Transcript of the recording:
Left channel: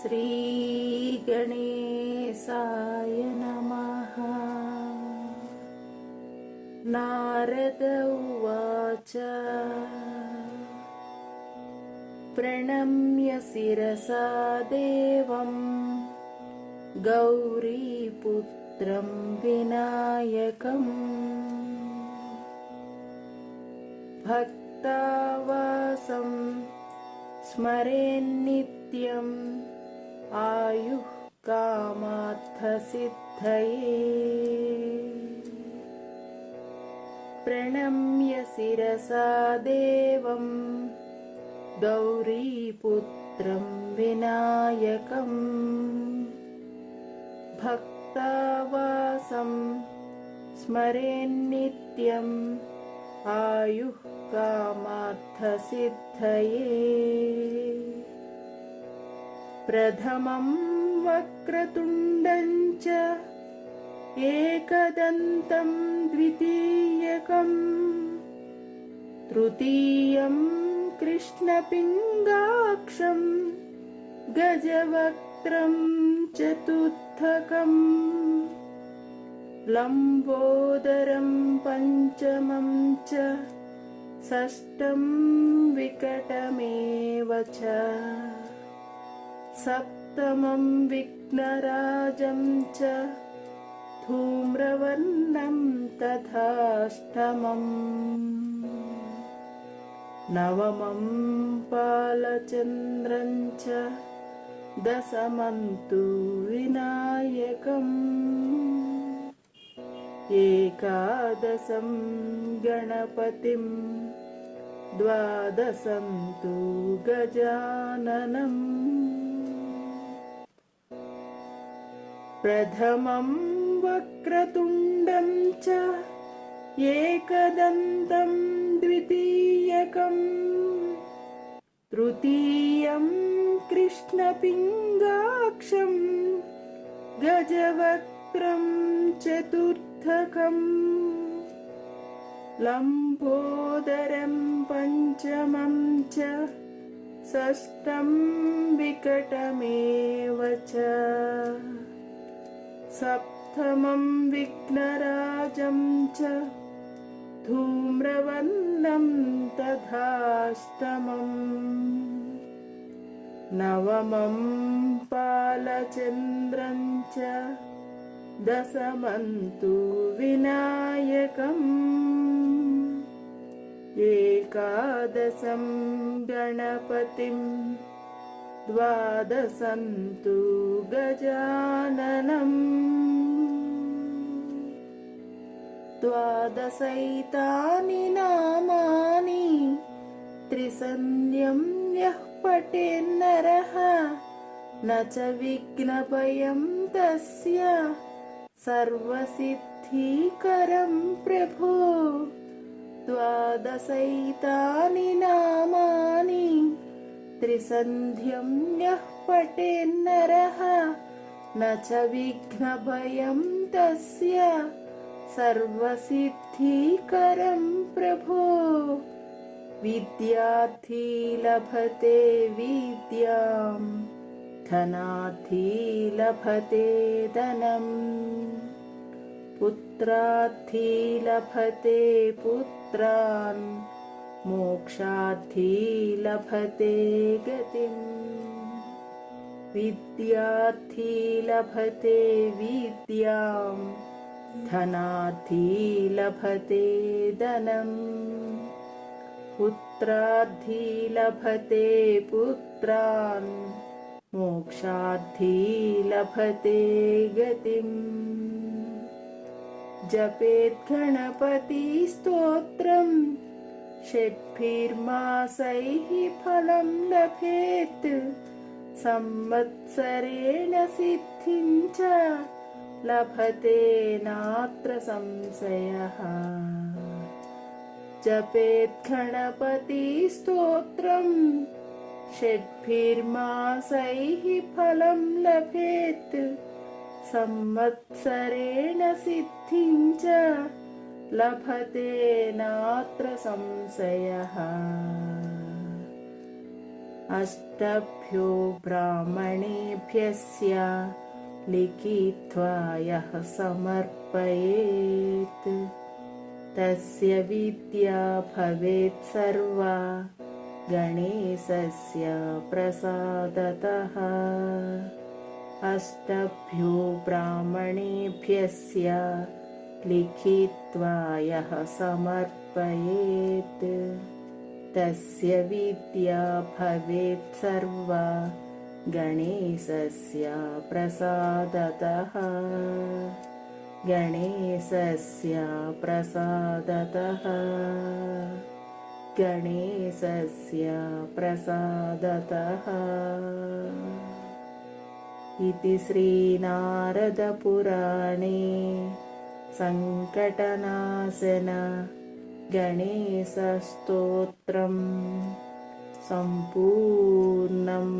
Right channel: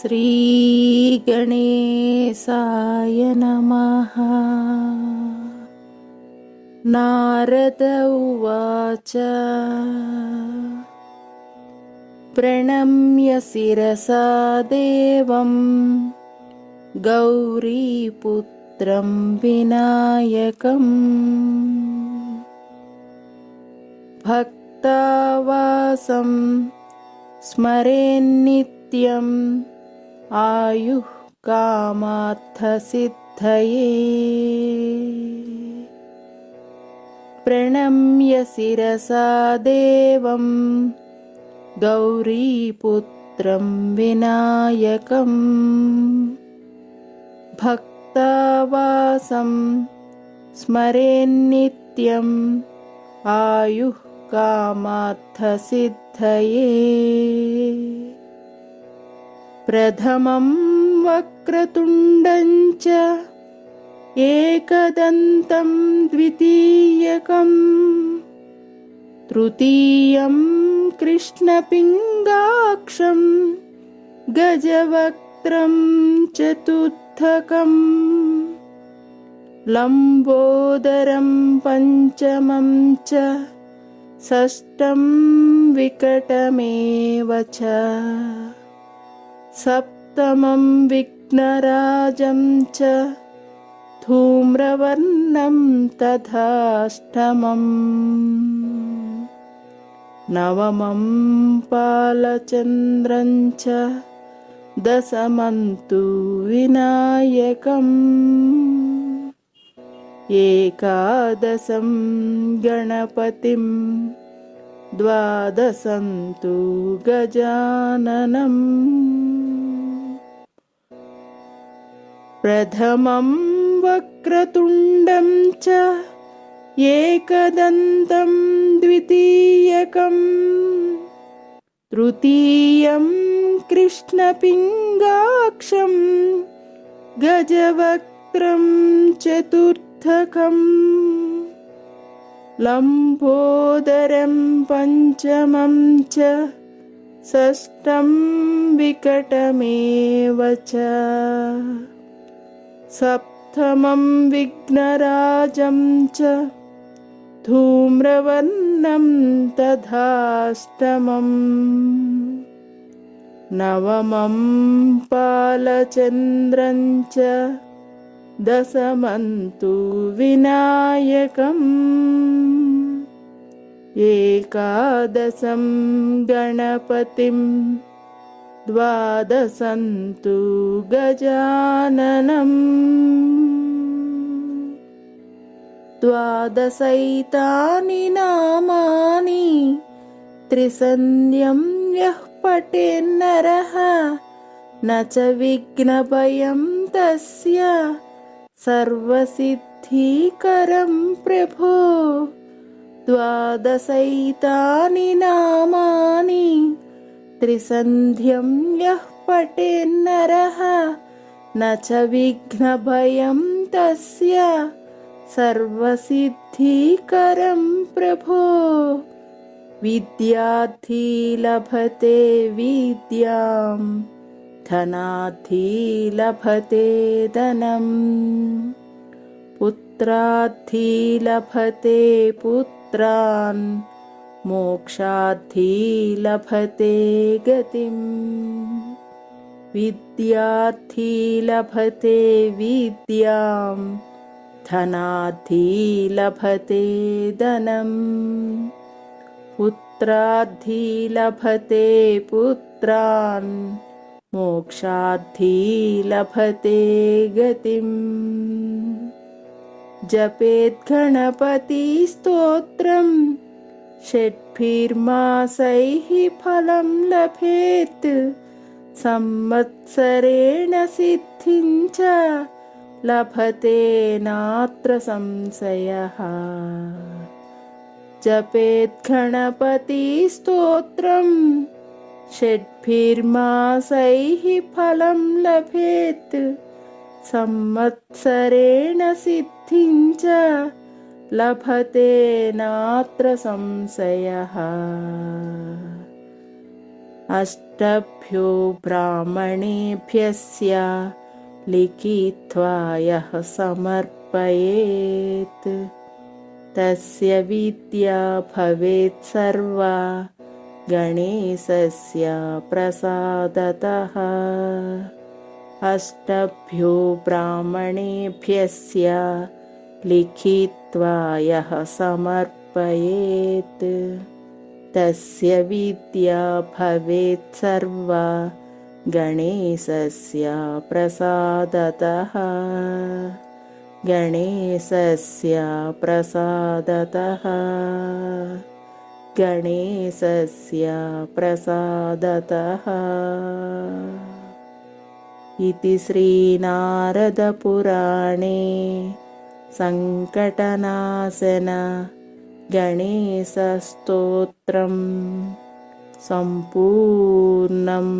श्रीगणेशाय नमः। नारद उवाच। प्रणम्य शिरसा देवं गौरीपुत्रं विनायकम्। भक्तावासं स्मरेन्नित्यम् आयुः कामार्थसिद्धये। प्रणम्य शिरसा देवं गौरीपुत्रं विनायकम्। भक्तावासं स्मरेन्नित्यम् आयुः कामार्थसिद्धये प्रथमं वक्रतुण्डं च एकदन्तं द्वितीयकम् तृतीयं कृष्णपिङ्गाक्षं गजवक्त्रं चतुर्थकम् लम्बोदरं पञ्चमं च षष्ठं विकटमेव च सप्तमं विघ्नराजं च धूम्रवर्णं तथाष्टमम्। नवमं पालचन्द्रं च दशमन्तु विनायकम्। एकादशं गणपतिं द्वादशन्तु गजाननम् प्रथमं वक्रतुण्डं च एकदन्तं द्वितीयकम्। तृतीयं कृष्णपिङ्गाक्षं गजवक्त्रं चतुर्थकम्। लम्बोदरं पञ्चमं च षष्ठं विकटमेव च सप्तमं विघ्नराजं च धूम्रवर्णं तथाष्टमम् नवमं पालचन्द्रं च दशमन्तु विनायकम् एकादशं गणपतिं गजाननम्। द्वादशैतानि नामानि त्रिसन्ध्यं यः पठेन्नरः न च विघ्नभयं तस्य सर्वसिद्धिकरं प्रभो। द्वादशैतानि नामानि त्रिसन्ध्यं यः पठेन्नरः न च विघ्नभयं तस्य सर्वसिद्धिकरं प्रभो। विद्यार्थी लभते विद्यां धनार्थी लभते धनम् पुत्रार्थी लभते पुत्रान् मोक्षार्थी लभते गतिम्। विद्यार्थी लभते विद्यां। धनार्थी लभते धनम्। पुत्रार्थी लभते पुत्रान् मोक्षार्थी लभते गतिम् जपेद्गणपतिस्तोत्रं षट्भिर्मासैः फलं लभेत्। संवत्सरेण सिद्धिं च लभते नात्र संशयः। जपेद्गणपतिस्तोत्रं षट्भिर्मासैः फलं लभेत्। संवत्सरेण सिद्धिं च लभते नात्र संशयः। अष्टभ्यो ब्राह्मणेभ्यस्य लिखित्वा यः समर्पयेत्। तस्य विद्या भवेत् सर्वा गणेशस्य प्रसादतः। अष्टभ्यो ब्राह्मणेभ्यस्य लिखित्वा यः समर्पयेत्। तस्य विद्या भवेत् सर्वा। गणेशस्य प्रसादतः। गणेशस्य प्रसादतः। गणेशस्य प्रसादतः। इति श्रीनारदपुराणे सङ्कटनाशन गणेशस्तोत्रम् सम्पूर्णम्